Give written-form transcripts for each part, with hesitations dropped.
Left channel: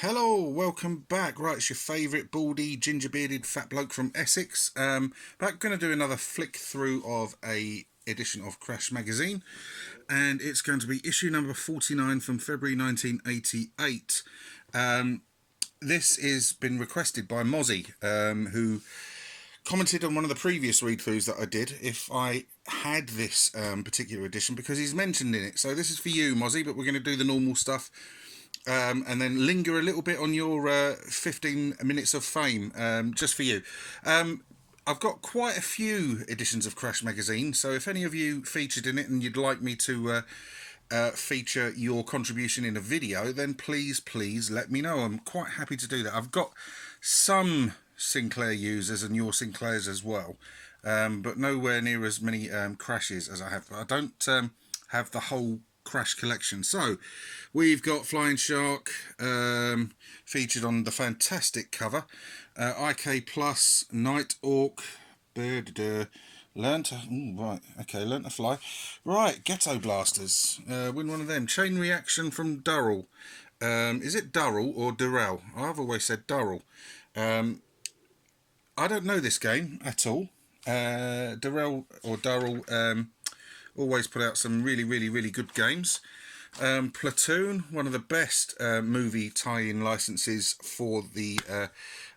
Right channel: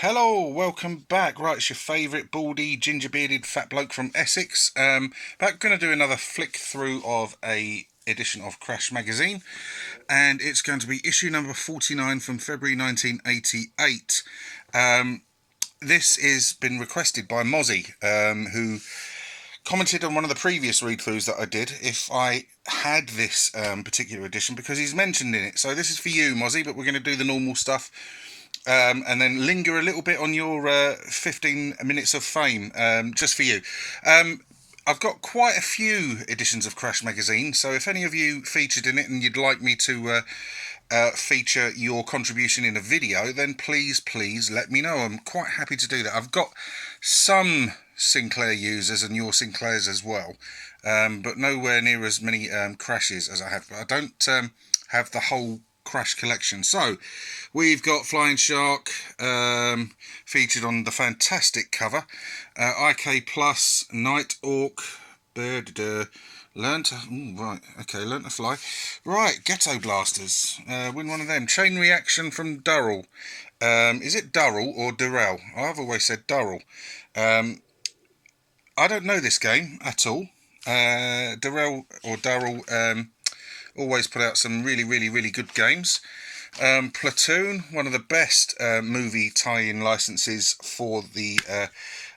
Hello, welcome back. Right, it's your favourite baldy, ginger-bearded fat bloke from Essex. Back going to do another flick through of a edition of Crash magazine, and it's going to be issue number 49 from February 1988. This has been requested by Mozzie, who commented on one of the previous read-throughs that I did if I had this particular edition, because he's mentioned in it. So this is for you, Mozzie, but we're going to do the normal stuff. And then linger a little bit on your 15 minutes of fame, just for you. I've got quite a few editions of Crash magazine, so if any of you featured in it and you'd like me to feature your contribution in a video, then please let me know. I'm quite happy to do that. I've got some Sinclair users and your Sinclairs as well, but nowhere near as many Crashes as I have. But I don't have the whole Crash collection. So we've got Flying Shark featured on the fantastic cover, IK Plus, Night Orc, Learn to Fly, right, Ghetto Blasters, win one of them, Chain Reaction from Durrell. Is it Durrell or Durrell? I've always said Durrell. I don't know this game at all. Durrell or Durrell always put out some really good games. Platoon, one of the best movie tie-in licenses for the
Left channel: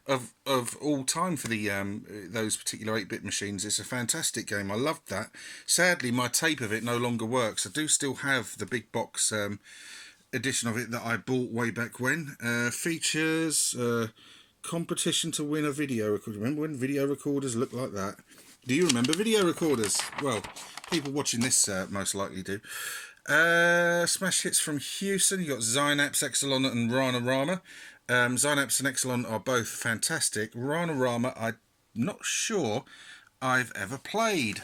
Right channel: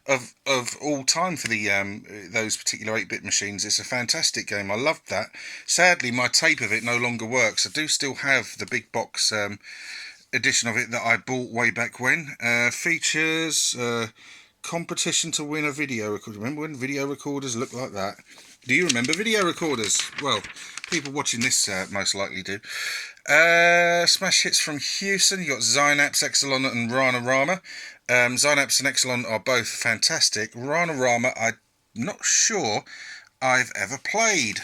of all time for the those particular 8-bit machines. It's a fantastic game. I loved that. Sadly, my tape of it no longer works. I do still have the big box edition of it that I bought way back when. Features competition to win a video recorder. Remember when video recorders looked like that? Do you remember video recorders? Well, people watching this most likely do. Smash hits from Houston. You got Zynaps, Exelon, and Rana-Rama. Zynaps and Exelon are both fantastic. Rana-Rama, I'm not sure I've ever played.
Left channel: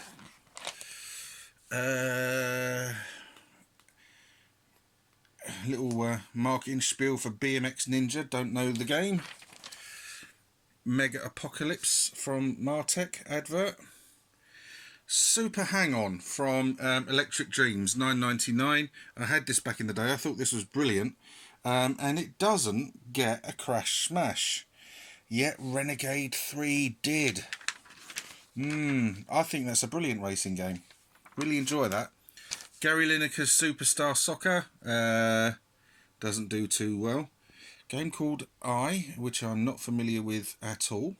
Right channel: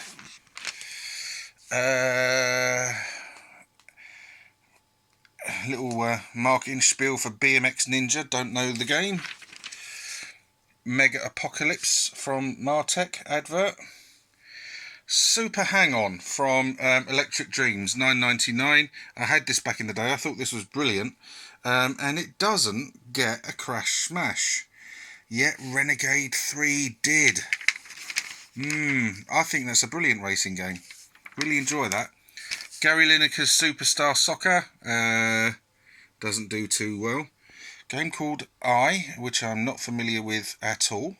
Little marketing spiel for BMX Ninja. Don't know the game. Mega Apocalypse from Martech advert. Super Hang-On from Electric Dreams, $9.99. I had this back in the day. I thought this was brilliant. And it doesn't get a Crash Smash. Yet Renegade 3 did. I think that's a brilliant racing game. Really enjoy that. Gary Lineker's Superstar Soccer. Doesn't do too well. Game called I, which I'm not familiar with at all.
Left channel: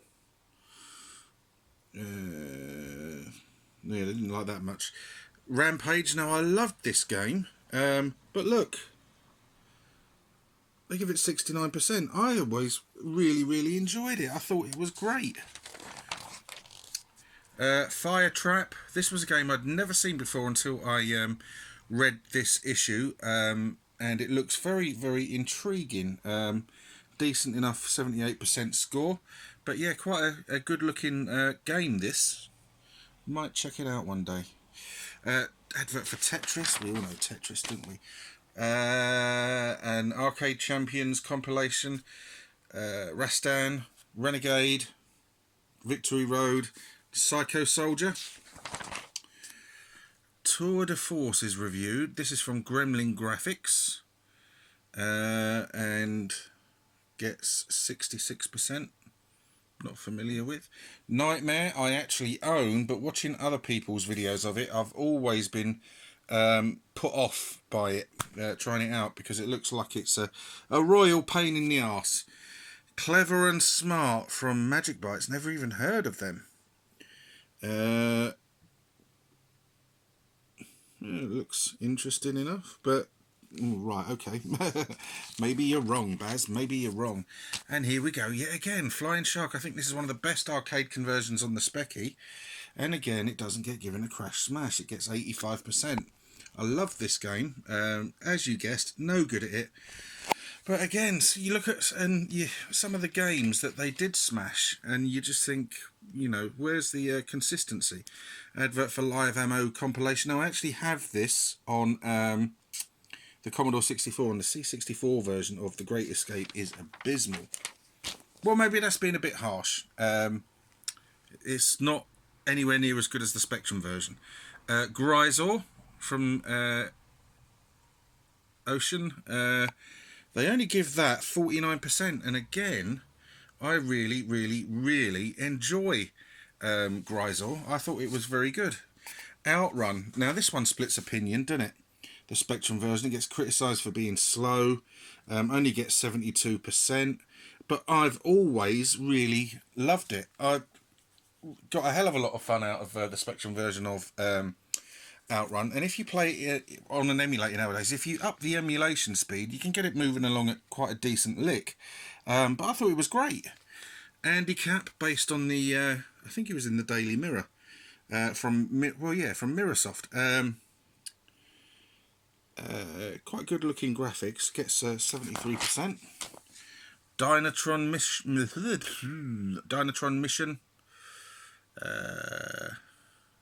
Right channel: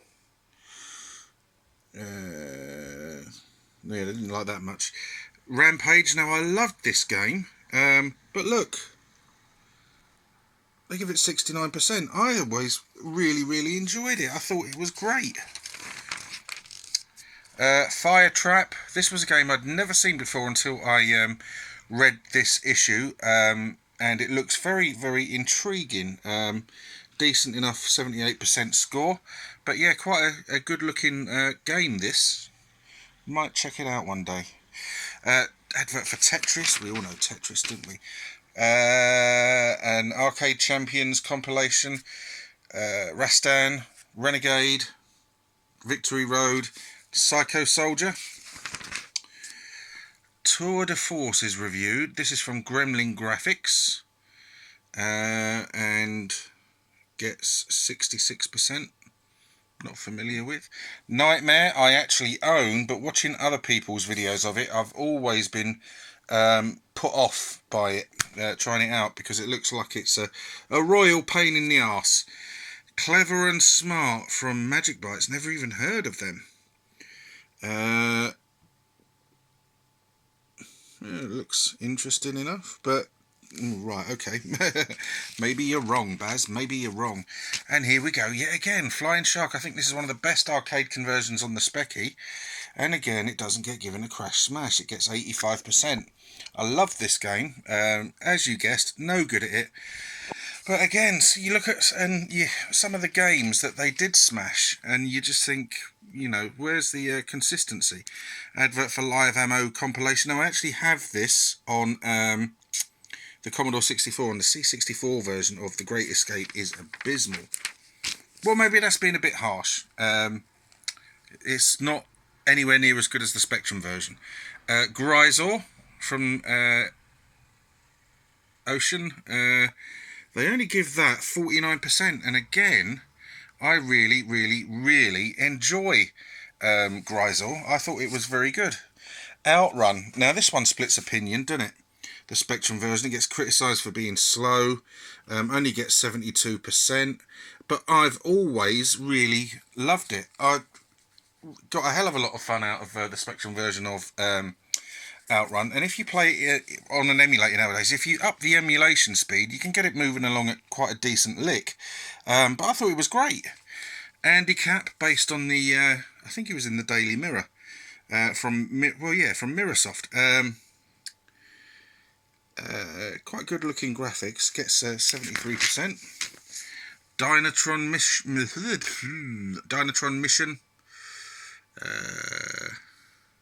Yeah, I didn't like that much. Rampage. Now, I loved this game, but look, they give it 69%. I always really enjoyed it. I thought it was great. Fire Trap. This was a game I'd never seen before until I read this issue, and it looks very intriguing. Decent enough 78% score, but yeah, quite a good looking game this. Might check it out one day. Advert for Tetris. We all know Tetris, don't we? An Arcade Champions compilation. Rastan, Renegade, Victory Road, Psycho Soldier. Tour de Force is reviewed. This is from Gremlin Graphics, and gets 66%. Not familiar with. Nightmare I actually own, but watching other people's videos of it, I've always been put off by it, trying it out, because it looks like it's a royal pain in the arse. Clever and Smart from Magic Bytes. Never even heard of them. It looks interesting enough, but right, okay. Maybe you're wrong, Baz. Maybe you're wrong. And here we go yet again. Flying Shark. I think this is one of the best arcade conversions on the Specky. And again, it doesn't get given a Crash Smash. It gets 85%. I love this game. As you guessed, no good at it. But again, so you look at some of the games that they did smash, and you just think, you know, where's the consistency? Advert for Live Ammo compilation. Now, I actually have this on the Commodore 64, and the C64 version of The Great Escape is abysmal. Well, maybe that's been a bit harsh. It's not anywhere near as good as the Spectrum version. Gryzor from Ocean. They only give that 49%, and again, I really, really, really enjoy Gryzor. I thought it was very good. Outrun. Now, this one splits opinion, doesn't it? The Spectrum version, it gets criticised for being slow, only gets 72%, but I've always really loved it. I got a hell of a lot of fun out of the Spectrum version of Outrun, and if you play it on an emulator nowadays, if you up the emulation speed, you can get it moving along at quite a decent lick. But I thought it was great. Andy Capp, based on the, I think he was in the Daily Mirror, from Mirrorsoft. Quite good looking graphics, gets 73%. Dynatron Mission,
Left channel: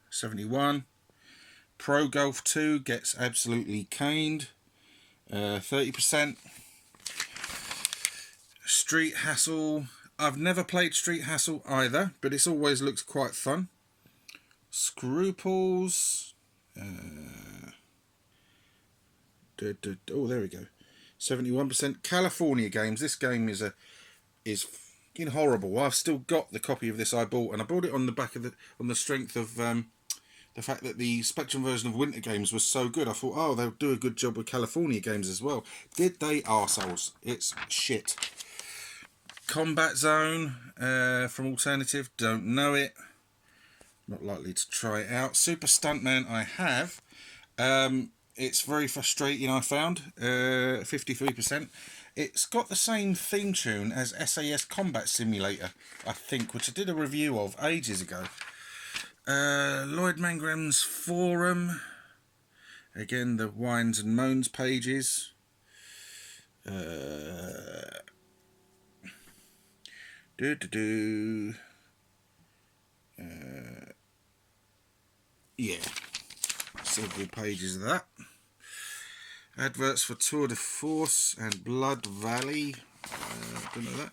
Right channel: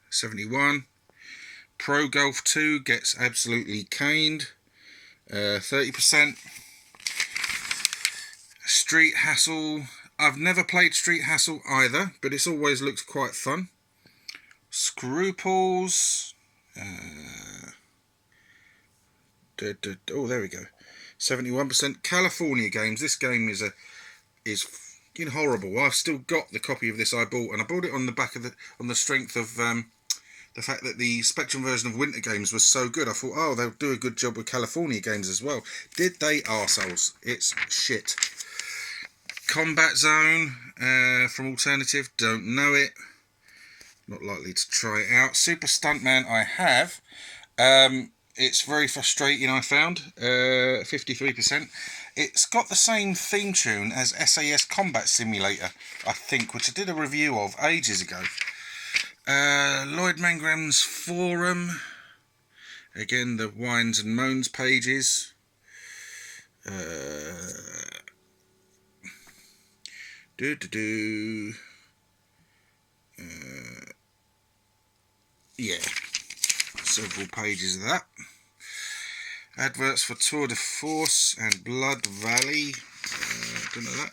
71. Pro Golf 2 gets absolutely caned, 30%. Street Hassle, I've never played Street Hassle either, but it's always looked quite fun. Scruples, oh, there we go, 71%. California Games, this game is fucking horrible. I've still got the copy of this I bought, and I bought it on the back of on the strength of the fact that the Spectrum version of Winter Games was so good. I thought, oh, they'll do a good job with California Games as well. Did they? Arseholes. It's shit. Combat Zone from Alternative, don't know it. Not likely to try it out. Super Stuntman I have. It's very frustrating, I found. 53%. It's got the same theme tune as SAS Combat Simulator, I think, which I did a review of ages ago. Lloyd Mangram's forum. Again, the whines and moans pages. Yeah, several pages of that. Adverts for Tour de Force and Blood Valley. Don't know that.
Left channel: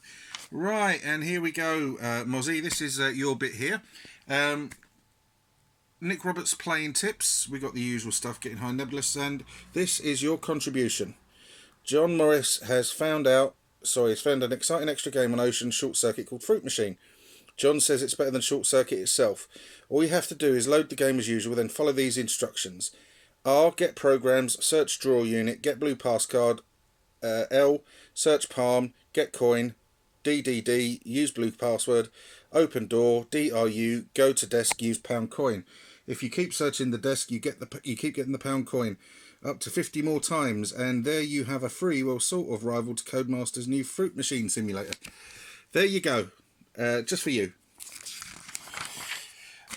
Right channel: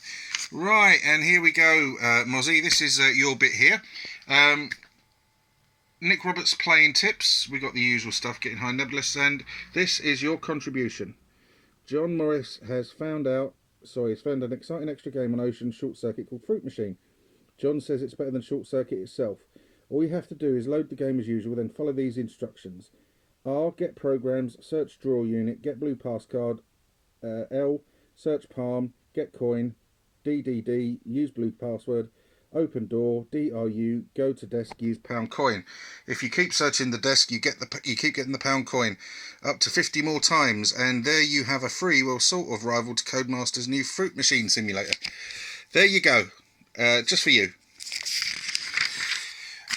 Right, and here we go, Mozzie. This is your bit here. Nick Roberts playing tips. We got the usual stuff, getting high nebulous, and this is your contribution. John Morris has found an exciting extra game on Ocean Short Circuit called Fruit Machine. John says it's better than Short Circuit itself. All you have to do is load the game as usual, then follow these instructions. R, get programs, search draw unit, get blue pass card. L, search palm, get coin. DDD, use blue password. Open door, DRU, go to desk, use pound coin. If you keep searching the desk, you keep getting the pound coin up to 50 more times, and there you have a free, well, sort of rival to Codemaster's new Fruit Machine simulator. There you go, just for you.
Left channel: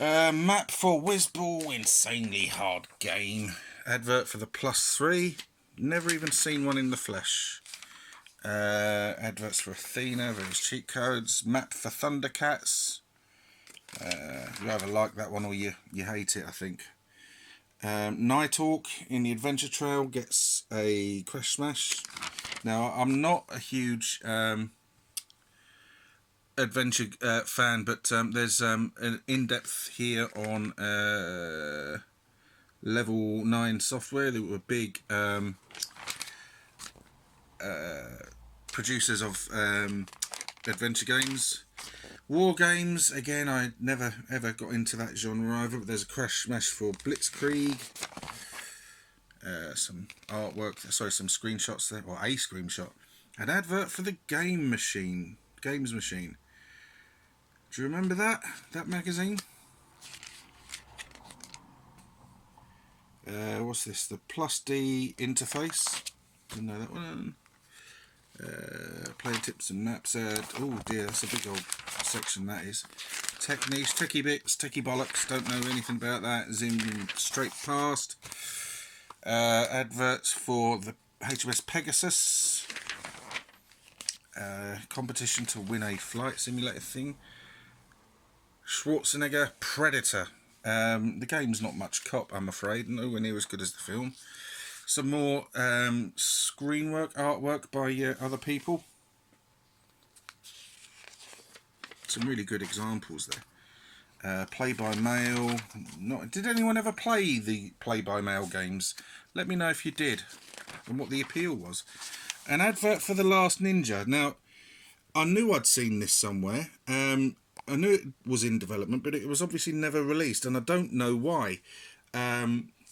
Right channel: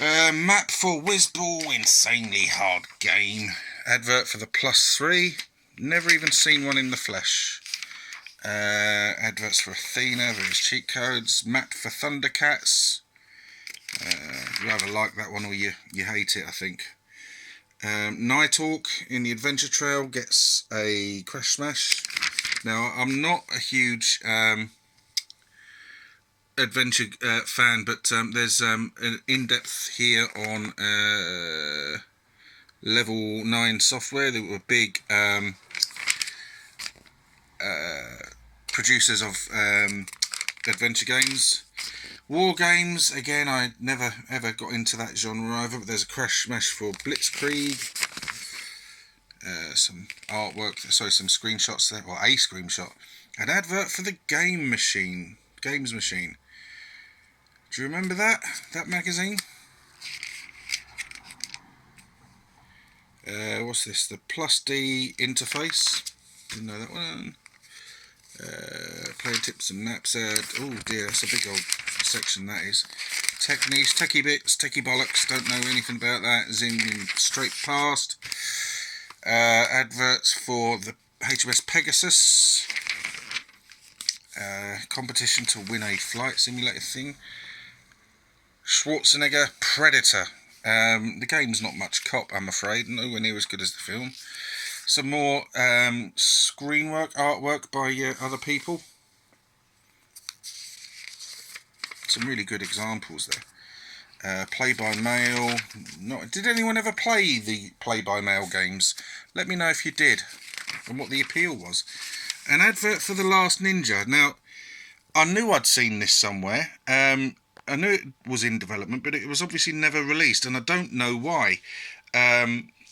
Map for Whizball, insanely hard game. Advert for the +3, never even seen one in the flesh. Adverts for Athena, various cheat codes. Map for Thundercats. You either like that one or you hate it, I think. Nighthawk in the Adventure Trail gets a Crash Smash. Now, I'm not a huge adventure fan, but there's an in-depth here on Level 9 Software. They were big producers of adventure games. War games, again, I never ever got into that genre either, but there's a Crash Smash for Blitzkrieg. Some artwork, some screenshots there, or a screenshot. An advert for the Games Machine. Do you remember that magazine? What's this? The Plus D interface. Didn't know that one. Playing tips and maps. Oh dear, that's a big old section that is. Tech niche, techie bits, techie bollocks. Don't know anything about that. Zooming straight past. Adverts for the HMS Pegasus. Competition to win a flight simulator thing. Schwarzenegger Predator. The game's not much cop, I'm afraid. Nowhere near as good as the film. Some more artwork by other people. Some really good examples there. Play by mail. Did anyone ever play the play by mail games? Let me know if you did and what the appeal was. An advert for The Last Ninja. Now, I knew I'd seen this somewhere. I knew it was in development, but it was obviously never released, and I don't know why.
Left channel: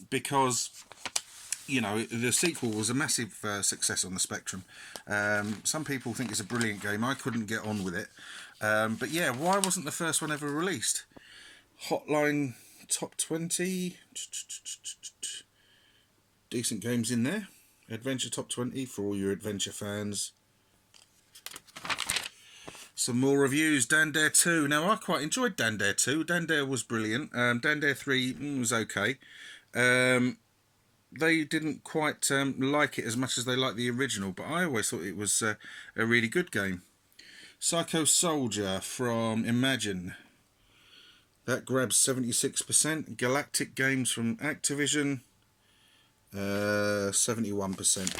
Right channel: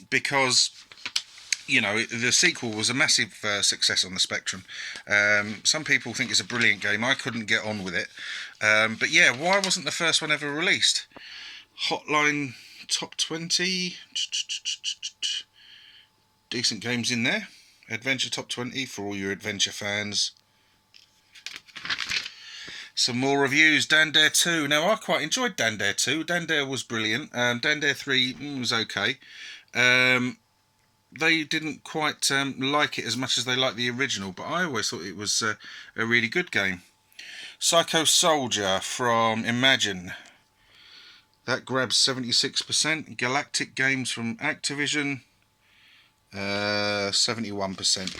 Because, you know, the sequel was a massive success on the Spectrum. Some people think it's a brilliant game. I couldn't get on with it. But yeah, why wasn't the first one ever released? Hotline Top 20. Decent games in there. Adventure Top 20 for all your adventure fans. Some more reviews. Dan Dare 2. Now, I quite enjoyed Dan Dare 2. Dan Dare was brilliant. Dan Dare 3 was okay. They didn't quite like it as much as they liked the original, but I always thought it was a really good game. Psycho Soldier from Imagine. That grabs 76%. Galactic Games from Activision. 71%.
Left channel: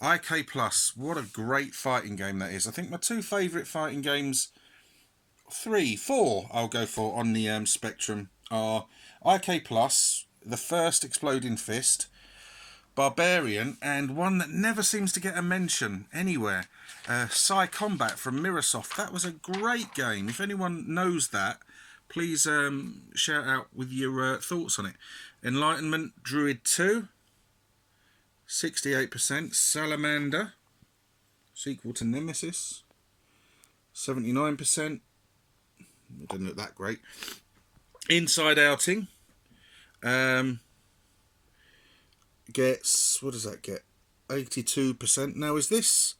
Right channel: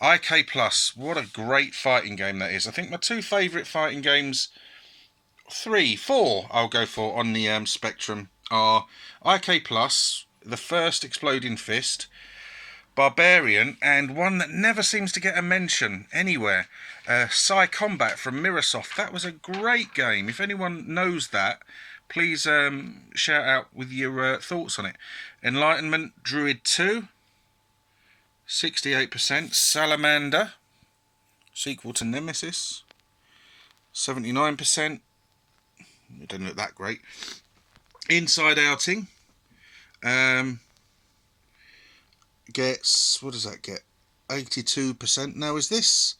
IK Plus, what a great fighting game that is. I think my two favourite fighting games, 4 I'll go for on the Spectrum, are IK Plus, the first Exploding Fist, Barbarian, and one that never seems to get a mention anywhere, Psy Combat from Mirrorsoft. That was a great game. If anyone knows that, please shout out with your thoughts on it. Enlightenment Druid 2, 68%. Salamander, sequel to Nemesis, 79%. It doesn't look that great. Inside Outing gets, what does that get? 82%. Now, is this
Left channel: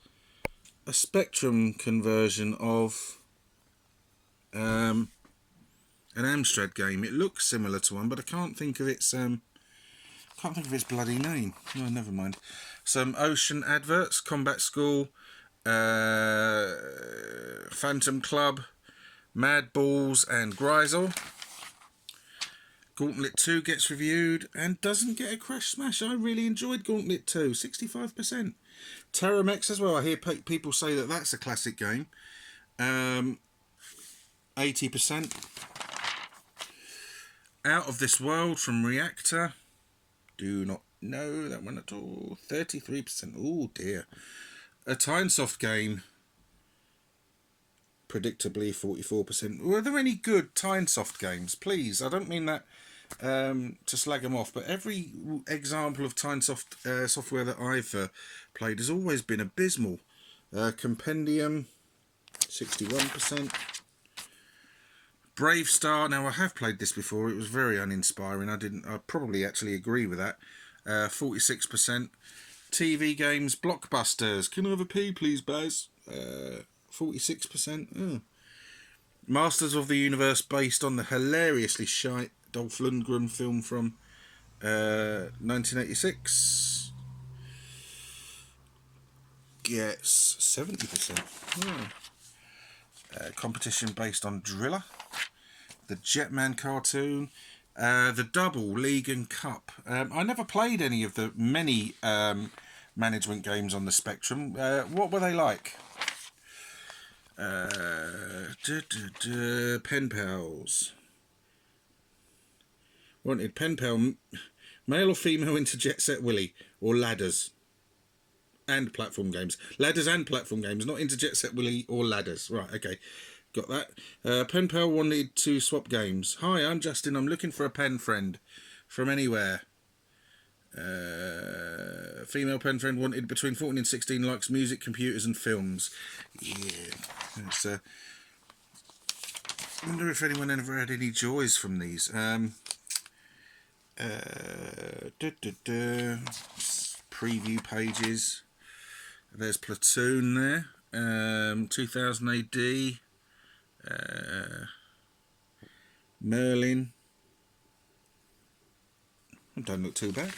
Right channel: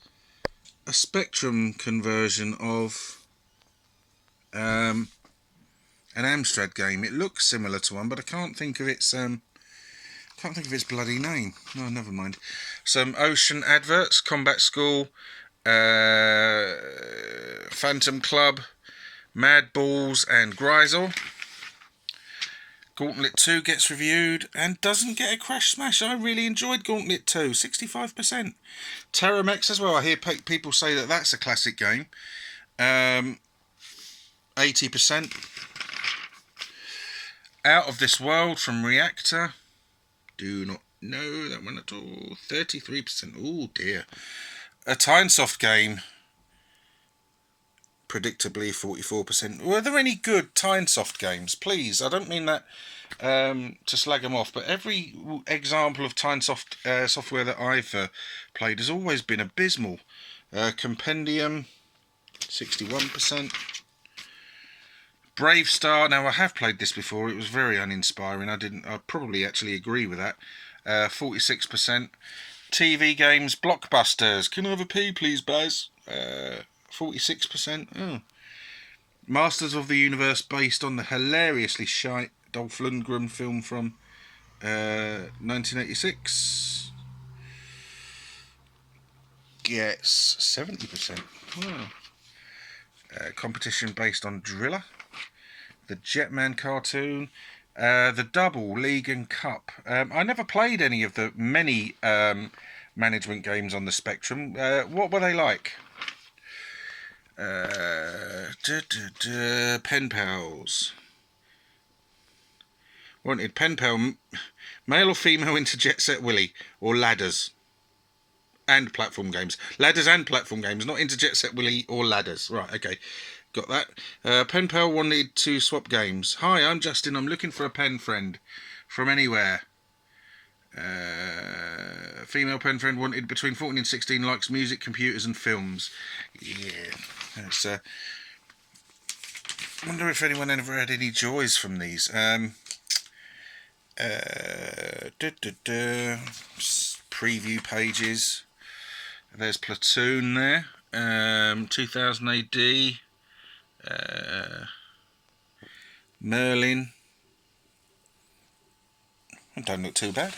a Spectrum conversion of an Amstrad game? It looks similar to one, but I can't think of its bloody name. No, never mind. Some Ocean adverts: Combat School, Phantom Club, Mad Balls, and Grisel. Gauntlet 2 gets reviewed and doesn't get a crash smash. I really enjoyed Gauntlet 2, 65%. Terramex as well. I hear people say that that's a classic game. 80%. Out of This World from Reactor. Do not know that one at all. 33%. Oh dear. A Tynesoft game. Predictably 44%. Were there any good Tynesoft games? Please, I don't mean that to slag them off, but every example of Tynesoft software that I've played has always been abysmal. Compendium, 61%. Brave Star. Now, I have played this before. It was very uninspiring. I probably actually agree with that. 46%. TV games, Blockbusters. Can I have a pee, please, Baz? 46%. Oh. Masters of the Universe, based on the hilariously shite Dolph Lundgren film from 1986. Gets 70%. Oh. Competition based on Driller. The Jetman cartoon. The Double, League and Cup. I never played any of the many management games on the Spectrum. What were they like? Pen Pals. Wanted Pen Pal, male or female into Jet Set Willy, or ladders and platform games. Ladders and platform games, not into Jet Set Willy or ladders. Right, okay. Got that. Pen Pal wanted to swap games. Hi, I'm Justin. I'm looking for a pen friend from anywhere. Female pen friend wanted between 14 and 16, likes music, computers and films. Yeah. It's, I wonder if anyone ever had any joys from these. Preview pages. There's Platoon there. 2000 AD. Merlin. Don't look too bad.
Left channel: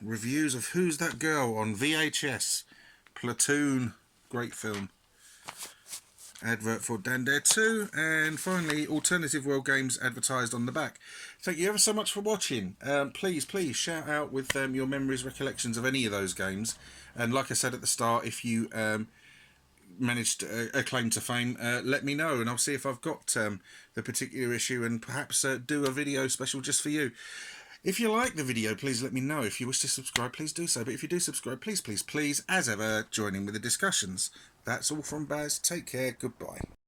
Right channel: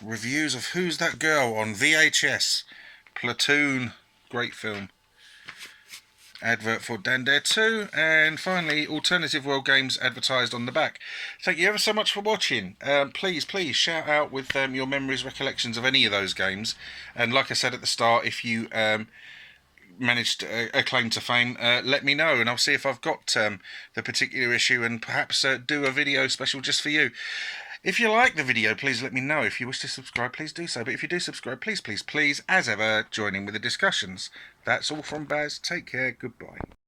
Reviews of Who's That Girl on VHS. Platoon. Great film. Advert for Dan Dare 2, and finally Alternative World Games advertised on the back. Thank you ever so much for watching. Please shout out with your memories, recollections of any of those games, and like I said at the start, if you managed a claim to fame, let me know and I'll see if I've got the particular issue and perhaps do a video special just for you. If you like the video, please let me know. If you wish to subscribe, please do so. But if you do subscribe, please, please, please, as ever, join in with the discussions. That's all from Baz. Take care. Goodbye.